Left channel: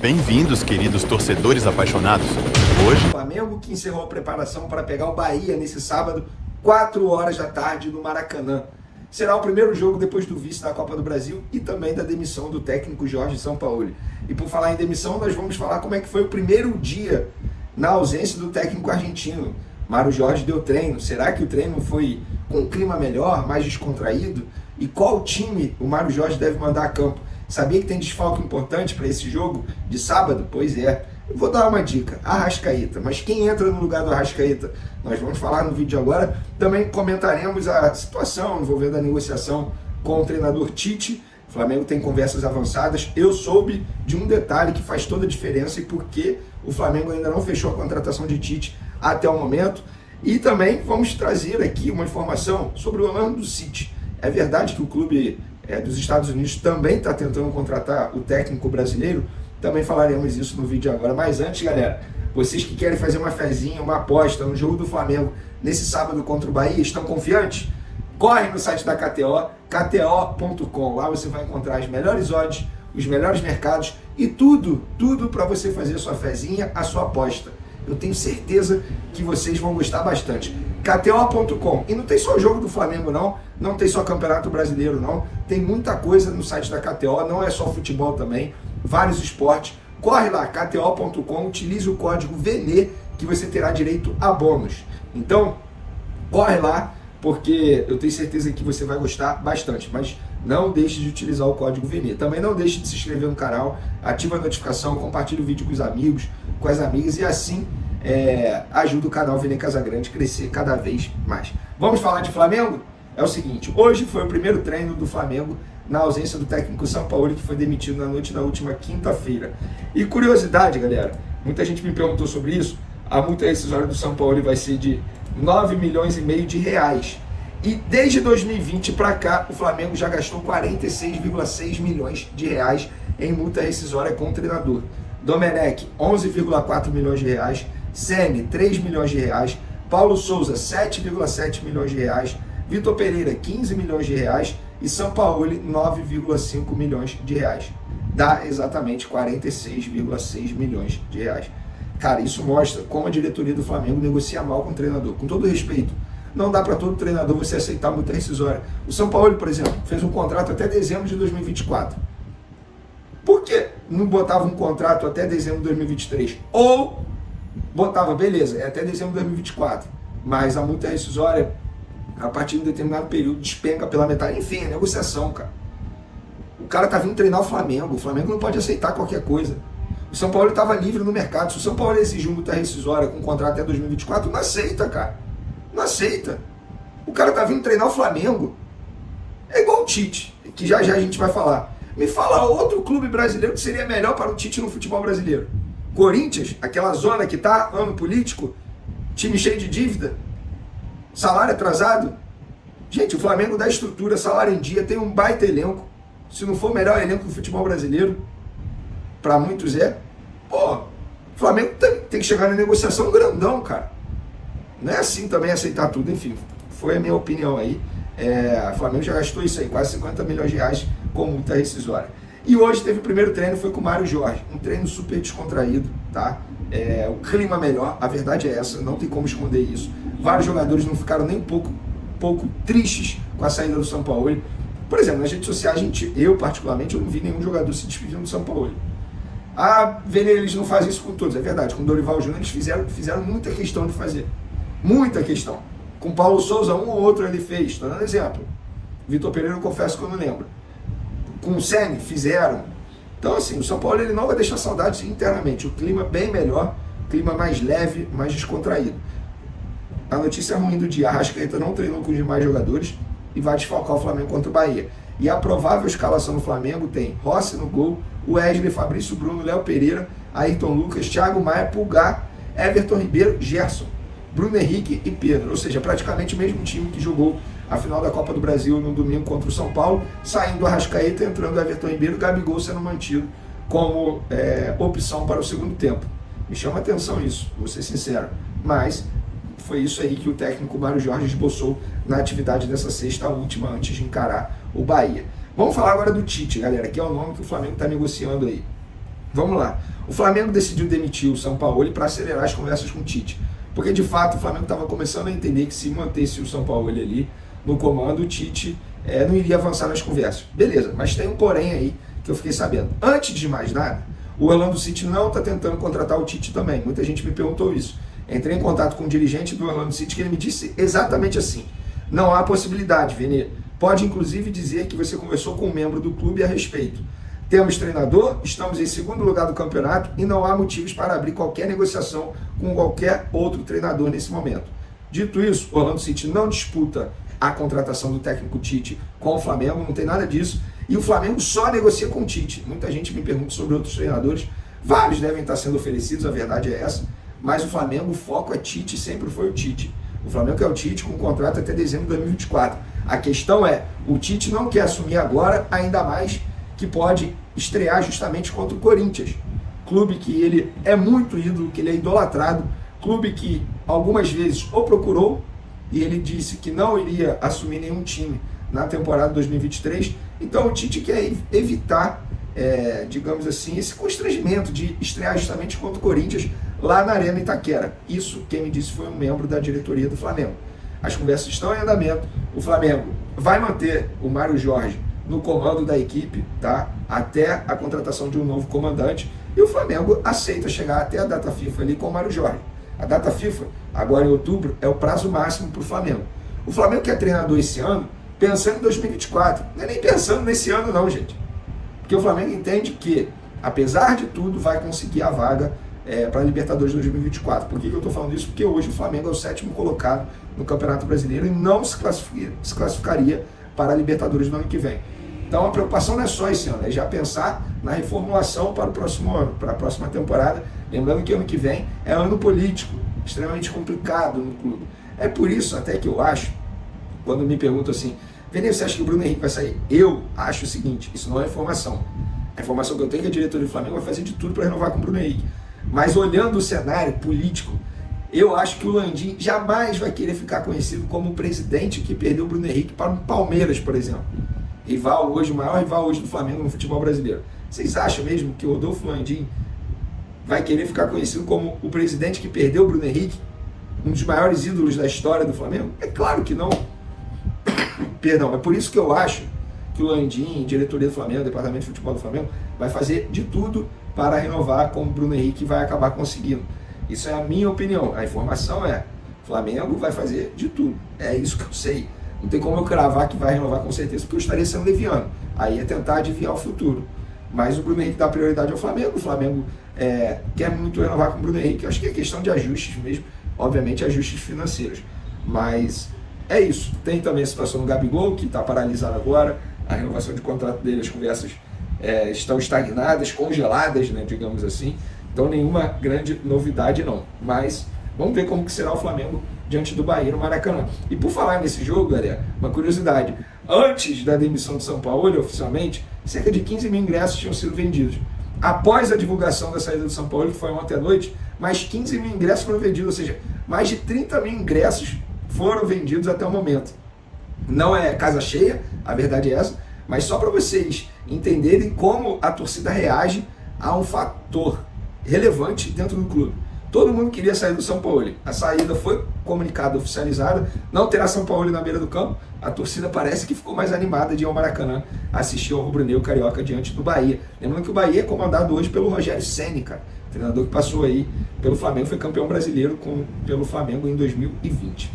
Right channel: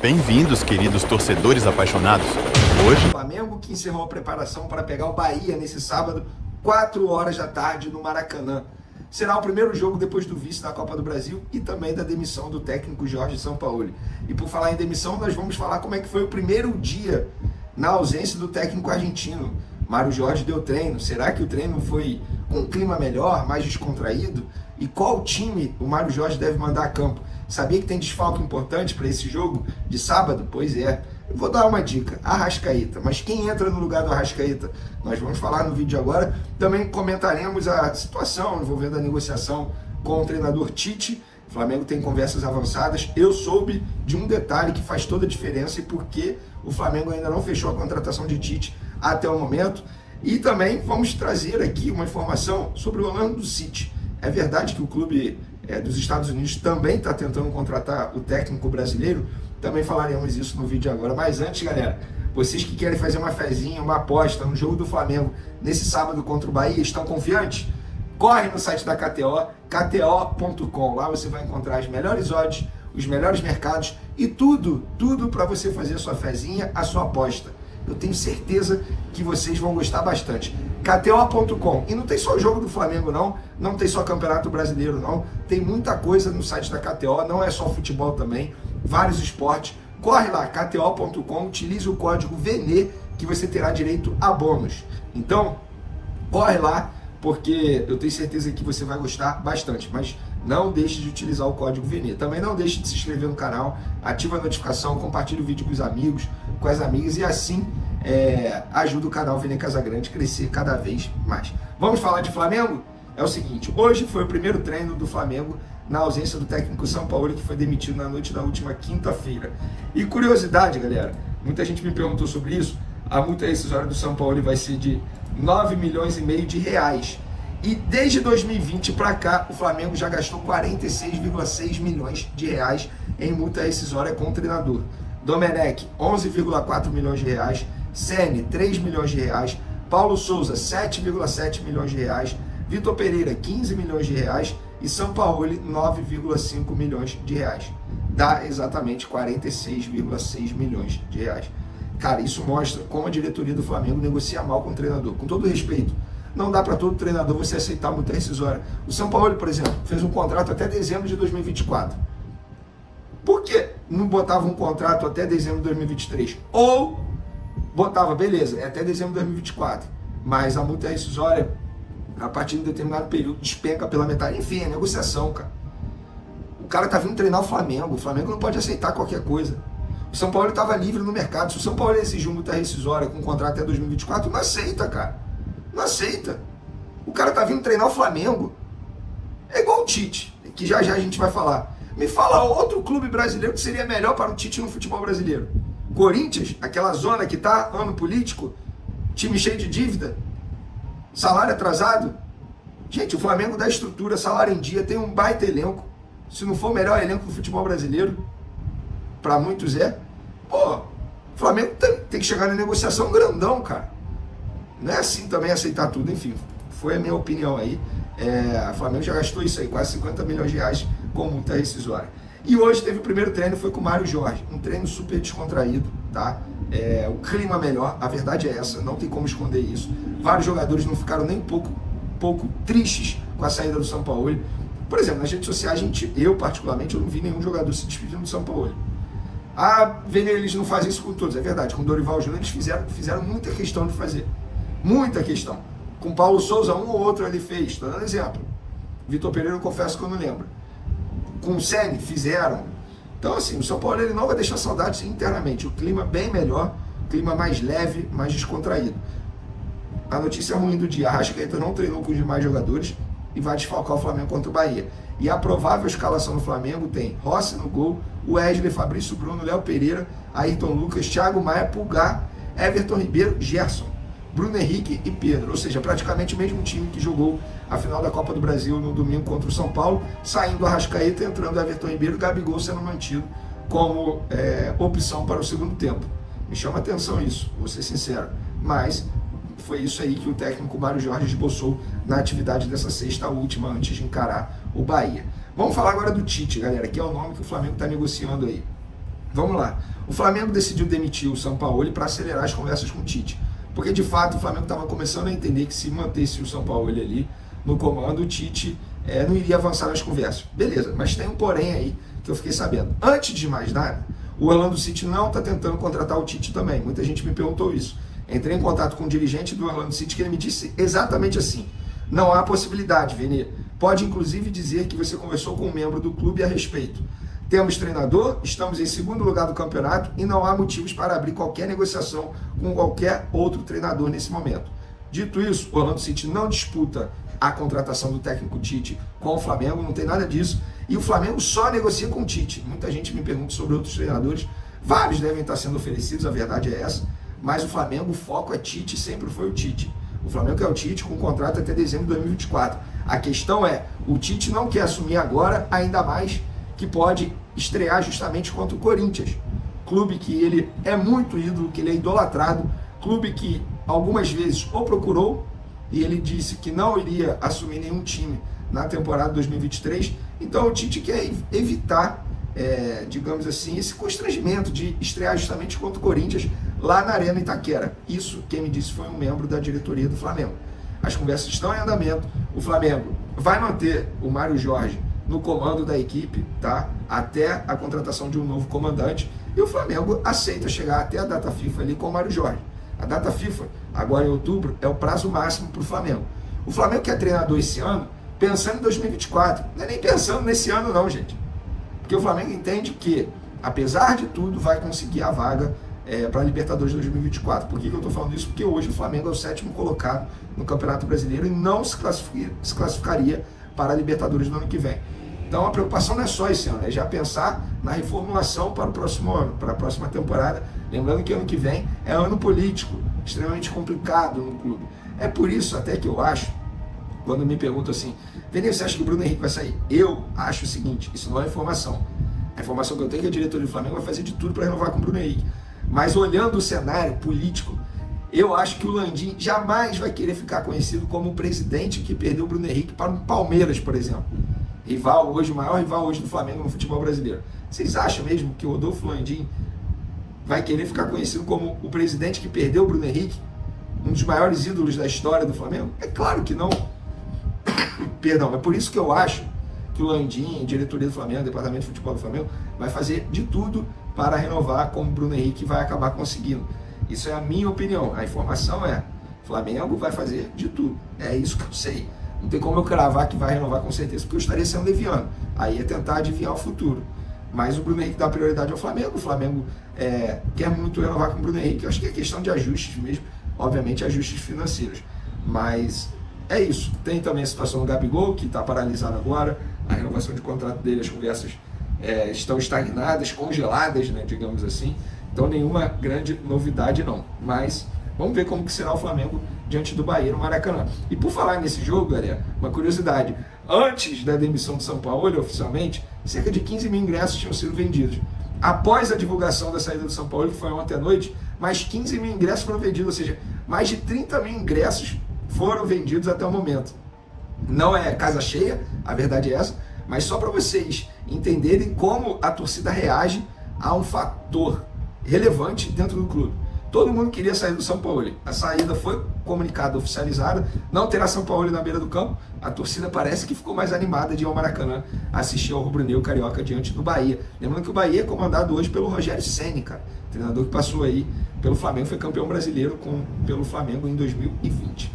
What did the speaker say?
Bem-vindos, queridos torcedores apaixonados. Hoje, O Flamengo que encerrou a preparação para pegar o Bahia nesse sábado, 4 horas da tarde, no Maracanã. Será o primeiro jogo depois do vice da Copa do Brasil e também da demissão do técnico Jorge Sampaoli. E por falar em demissão, nós vamos falar como é que foi o primeiro dia na ausência do técnico argentino. Mário Jorge deu treino. Será que o treino foi com um clima melhor, mais descontraído? E qual time o Mário Jorge deve mandar a campo? Sabia que tem desfalque importante para esse jogo de sábado? Pois é. Eu vou dar uma dica, Arrascaeta. Mas quem entra no lugar do Arrascaeta? Nós vamos falar no vídeo agora. Também comentaremos a situação envolvendo a negociação com o treinador Tite. O Flamengo tem conversas avançadas. Eu soube de um detalhe que faz toda a diferença e por que o Flamengo ainda não fechou a contratação de Tite até o momento. E também vamos trazer aqui uma informação sobre o Orlando City. É verdade que o clube dos Estados Unidos também está tentando contratar o técnico brasileiro? Também falaremos isso no vídeo agora. Mas antes, galera, vocês que querem fazer uma fezinha, uma aposta no jogo do Flamengo nesse sábado contra o Bahia, estão confiantes? Corre no site da KTO, kto.com. Lá você vai encontrar as melhores odds, os melhores mercados e tudo para você fazer a sua fezinha, a sua aposta. Eu tenho certeza que vocês vão gostar bastante. KTO.com. E não tem só jogo do Flamengo, não tem só Campeonato Brasileiro, não. Tem muita coisa no site da KTO, não é só futebol também, vários esportes. Corre lá, KTO.com, utilize o código VENE que você terá direito a bônus. Então, corre lá, porque eu tenho certeza que você vai gostar bastante, mas não deixe de utilizar o código VENE. Também não deixe de se inscrever no canal, ativa a notificação, compartilhe o vídeo com os amigos, com as amigas e assim ajuda o canal Vene Casagrande a crescer cada vez mais. Vamos falar de Flamengo? É o seguinte, hoje foi o primeiro treino do Flamengo na ausência do técnico Sampaoli, que foi demitido na noite da última quinta-feira. E curiosidade, galera, muita gente me perguntou sobre isso, a multa rescisória do Sampaoli vai ser de 9,5 milhões de reais. E desde 2020 para cá, o Flamengo já gastou 46,6 milhões de reais em multa rescisória com o treinador. Domenech, 11,4 milhões de reais. Ceni, 3 milhões de reais. Paulo Souza, 7,7 milhões de reais. Vitor Pereira, 15 milhões de reais. E Sampaoli, 9,5 milhões de reais. Dá exatamente 46,6 milhões de reais. Cara, isso mostra como a diretoria do Flamengo negocia mal com o treinador. Com todo respeito, não dá para todo treinador você aceitar multa rescisória. O Sampaoli, por exemplo, fez um contrato até dezembro de 2024. Por que não botava um contrato até dezembro de 2023? Ou botava, beleza, é até dezembro de 2024, mas a multa rescisória, a partir de um determinado período, despenca pela metade. Enfim, é negociação, cara. O cara tá vindo treinar o Flamengo não pode aceitar qualquer coisa. O São Paulo estava livre no mercado. Se o São Paulo exigiu multa rescisória com contrato até 2024, não aceita, cara. Não aceita. O cara tá vindo treinar o Flamengo. É igual o Tite, que já a gente vai falar. Me fala outro clube brasileiro que seria melhor para o Tite no futebol brasileiro. Corinthians, aquela zona que tá, ano político, time cheio de dívida, salário atrasado. Gente, o Flamengo dá estrutura, salário em dia, tem um baita elenco. Se não for o melhor elenco do futebol brasileiro, para muitos Pô, o Flamengo tem que chegar na negociação grandão, cara. Não é assim também aceitar tudo, enfim. Foi a minha opinião aí. O Flamengo já gastou isso aí, quase 50 milhões de reais com multa rescisória. E hoje teve o primeiro treino, foi com o Mário Jorge. Um treino super descontraído, tá? O clima melhor, a verdade é essa, não tem como esconder isso. Vários jogadores não ficaram nem um pouco tristes com a saída do Sampaoli. Por exemplo, nas redes sociais, eu particularmente, eu não vi nenhum jogador se despedindo do Sampaoli. Eles não fazem isso com todos, é verdade. Com o Dorival Júnior eles fizeram muita questão de fazer. Muita questão. Com Paulo Souza, um ou outro ele fez. Estou dando exemplo. Vitor Pereira, eu confesso que eu não lembro. Com o Ceni, fizeram. Então, assim, o São Paulo ele não vai deixar saudades internamente. O clima bem melhor, clima mais leve, mais descontraído. A notícia ruim do dia, a Arrascaeta não treinou com os demais jogadores e vai desfalcar o Flamengo contra o Bahia. E a provável escalação do Flamengo tem Rossi no gol, Wesley, Fabrício Bruno, Léo Pereira, Ayrton Lucas, Thiago Maia, Pulgar, Everton Ribeiro, Gerson, Bruno Henrique e Pedro. Ou seja, praticamente o mesmo time que jogou a final da Copa do Brasil no domingo contra o São Paulo, saindo o Arrascaeta, entrando Everton Ribeiro, Gabigol sendo mantido como opção para o segundo tempo. Me chama a atenção isso, vou ser sincero. Mas foi isso aí que o técnico Mário Jorge esboçou na atividade dessa sexta, a última, antes de encarar o Bahia. Vamos falar agora do Tite, galera, que é o nome que o Flamengo está negociando aí. Vamos lá. O Flamengo decidiu demitir o Sampaoli para acelerar as conversas com o Tite. Porque, de fato, o Flamengo estava começando a entender que se mantesse o Sampaoli ali no comando, o Tite não iria avançar nas conversas. Beleza, mas tem um porém aí que eu fiquei sabendo. Antes de mais nada, o Orlando City não está tentando contratar o Tite também. Muita gente me perguntou isso. Entrei em contato com um dirigente do Orlando City que ele me disse exatamente assim: não há possibilidade, Vene. Pode inclusive dizer que você conversou com um membro do clube a respeito. Temos treinador, estamos em segundo lugar do campeonato e não há motivos para abrir qualquer negociação com qualquer outro treinador nesse momento. Dito isso, o Orlando City não disputa a contratação do técnico Tite com o Flamengo, não tem nada disso. E o Flamengo só negocia com o Tite. Muita gente me pergunta sobre outros treinadores. Vários devem estar sendo oferecidos, a verdade é essa. Mas o Flamengo, o foco é Tite, sempre foi o Tite. O Flamengo é o Tite com contrato até dezembro de 2024. A questão é, o Tite não quer assumir agora, ainda mais que pode estrear justamente contra o Corinthians. Clube que ele é muito ídolo, que ele é idolatrado. Clube que algumas vezes o procurou e ele disse que não iria assumir nenhum time na temporada 2023. Então o Tite quer evitar, digamos assim, esse constrangimento de estrear justamente contra o Corinthians lá na Arena Itaquera. Isso, quem me disse, foi um membro da diretoria do Flamengo. As conversas estão em andamento. O Flamengo vai manter o Mário Jorge no comando da equipe, tá? Até a contratação de um novo comandante. E o Flamengo aceita chegar até a data FIFA ali com o Mário Jorge. A data FIFA, agora em outubro, é o prazo máximo para o Flamengo. O Flamengo que é treinador esse ano, pensando em 2024. Não é nem pensando nesse ano não, gente. Porque o Flamengo entende que, apesar de tudo, vai conseguir a vaga para a Libertadores 2024. Por que eu estou falando isso? Porque hoje o Flamengo é o 7º colocado no Campeonato Brasileiro e não se classificaria para a Libertadores no ano que vem. Então a preocupação não é só esse ano, é já pensar na reformulação para o próximo ano, para a próxima temporada. Lembrando que ano que vem é ano político, extremamente complicado no clube. É por isso até que eu acho, quando me perguntam assim, Vene, você acha que o Bruno Henrique vai sair? Eu acho o seguinte, isso não é informação. A informação que eu tenho é que a diretoria do Flamengo vai fazer de tudo para renovar com o Bruno Henrique. Mas olhando o cenário político, eu acho que o Landim jamais vai querer ficar conhecido como o presidente que perdeu o Bruno Henrique para um Palmeiras, por exemplo. Rival hoje, o maior rival hoje do Flamengo no futebol brasileiro. Vocês acham mesmo que o Rodolfo Landim vai querer ficar conhecido como o presidente que perdeu o Bruno Henrique, um dos maiores ídolos da história do Flamengo? É claro que não. Perdão, é por isso que eu acho que o Landim, diretoria do Flamengo, departamento de futebol do Flamengo, vai fazer de tudo para renovar com o Bruno Henrique e vai acabar conseguindo. Isso é a minha opinião. A informação é, o Flamengo vai fazer de tudo. É isso que eu sei. Não tem como eu cravar que vai renovar com certeza, porque eu estaria sendo leviano. Aí é tentar adivinhar o futuro. Mas o Bruno Henrique dá prioridade ao Flamengo. O Flamengo quer muito renovar com o Bruno Henrique. Acho que é questão de ajustes mesmo. Obviamente, ajustes financeiros. Mas é isso. Tem também a situação do Gabigol, que está paralisado agora. A renovação de contrato dele, as conversas estão estagnadas, congeladas, né, digamos assim. Então, nenhuma grande novidade não. Mas vamos ver como que será o Flamengo diante do Bahia no Maracanã. E por falar nesse jogo, galera, uma curiosidade. Antes da demissão de São Paulo, oficialmente, cerca de 15 mil ingressos tinham sido vendidos. Após a divulgação da saída do São Paulo, que foi ontem à noite, mais 15 mil ingressos foram vendidos, ou seja, mais de 30 mil ingressos foram vendidos até o momento. Não é casa cheia, a verdade é essa, mas só para vocês entenderem como a torcida reage a um fator relevante dentro do clube. Todo mundo queria sair do São Paulo. A saída foi comunicada, oficializada. Não terá São Paulo na beira do campo. A torcida parece que ficou mais animada de ir ao Maracanã assistir ao rubro-negro carioca diante do Bahia. Lembrando que o Bahia é comandado hoje pelo Rogério Ceni, treinador que passou aí pelo Flamengo, foi campeão brasileiro pelo Flamengo em 2020.